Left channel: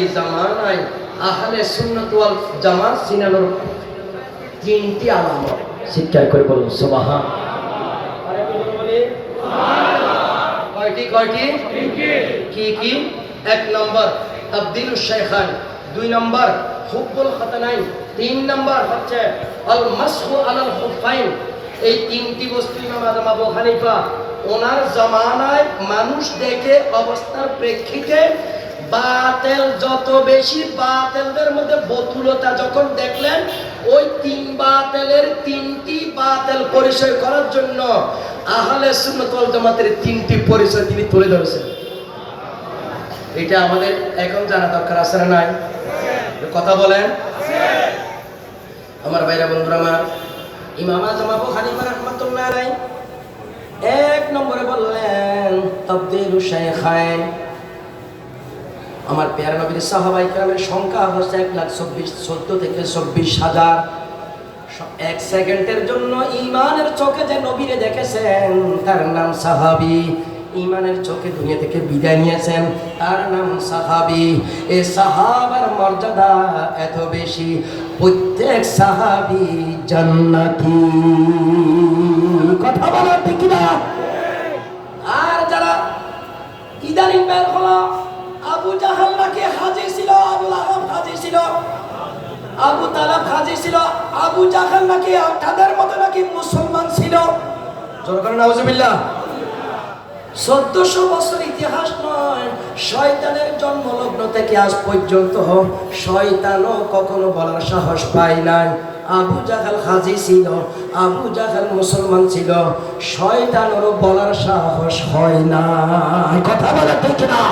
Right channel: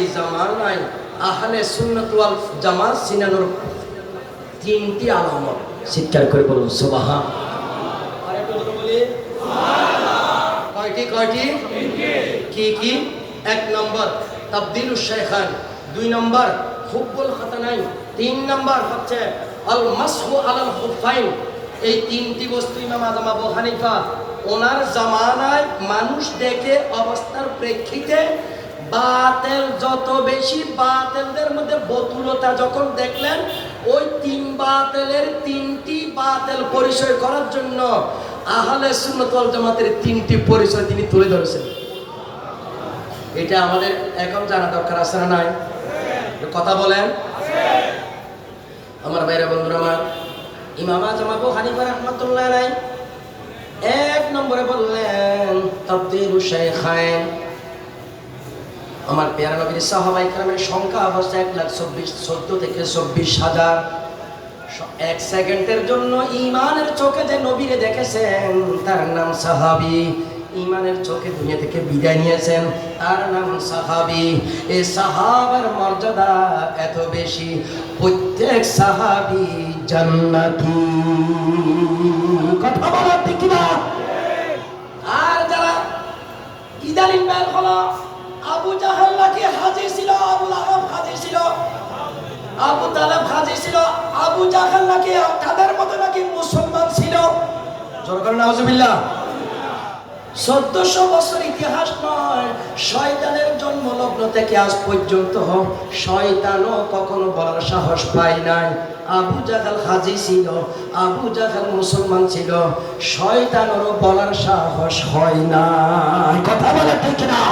এই জামানায় আহলে সুন্নাত ওয়াল জামাত চিনানোর তিনটি আলামত স্বীকার করে বলুন সুবহান। আরে বলুন বলি সুবহানাল্লাহ। কয়টি কি কি? এক নম্বর তাবদীলুশ শাইখান, দুই নম্বর হুব্বুল খাতানাইন, তিন নম্বর হচ্ছে আল মাসহু আলাল খুফাইন। এই তিনটি বস্তু ইমাম আযম আবু হানিফা ওনার জামানায় মানুষ দেখে অবস্থার প্রেক্ষিতে বাতিল যত বেশি, বাতিলদের মধ্যে বতুলতা যখন দেখলেন, ওই তিনটি বাতিল পরিচয় করার জন্য আহলে সুন্নাত ওয়াল জামাতের তিনটি পরিচয় তিনি তুলে ধরেছেন। এটা আমাদের এখন জানা দরকার আছে না নাই? কথা বলেন আমার ভাইরা বন্ধুরা। আমার ইমাম আযম আবু হানিফা রাহমাতুল্লাহ আলাইহি এক নম্বরে বললেন তাবদীলুশ শাইখাইন। আমার প্যারা নবীর সাহাবায়ে কেরামের সংখ্যা হচ্ছে 1,14 থেকে 24,000। এক সেকেন্ডের জন্য ইমানের চোখে যে নবীরে দেখেছেন তার নাম সাহাবী। ইমানের চোখে দুনিয়া থেকে বিদায় নিয়েছেন তার নাম সাহাবী। এই সাহাবার মর্যাদা এত বেশি, প্রত্যেক সাহাবী জান্নাতি। কথা বলেন ঠিক না? আর যারা ইদানিং বের হলো, আবু জাহাল নাকি হাজী ছিল, আবু লাহাব হাজী ছিল, আবু তালেব হাজী ছিল, আবু জাহাল নাকি তাদের মতো নাকি মুসলমান ছিল। জোরকার নাউজুবিল্লাহ। 1400 বছর ইতিহাস নয়, শয়তানের জন্মলগ্ন থেকে আজ পর্যন্ত শয়তানও কখনো বলার সাহস পায় নাই আবু জাহাল হাজী ছিল, আবু জাহাল মুসলমান ছিল। শয়তানেরও বলার সাহস হয় না। কথা বলা ঠিক না?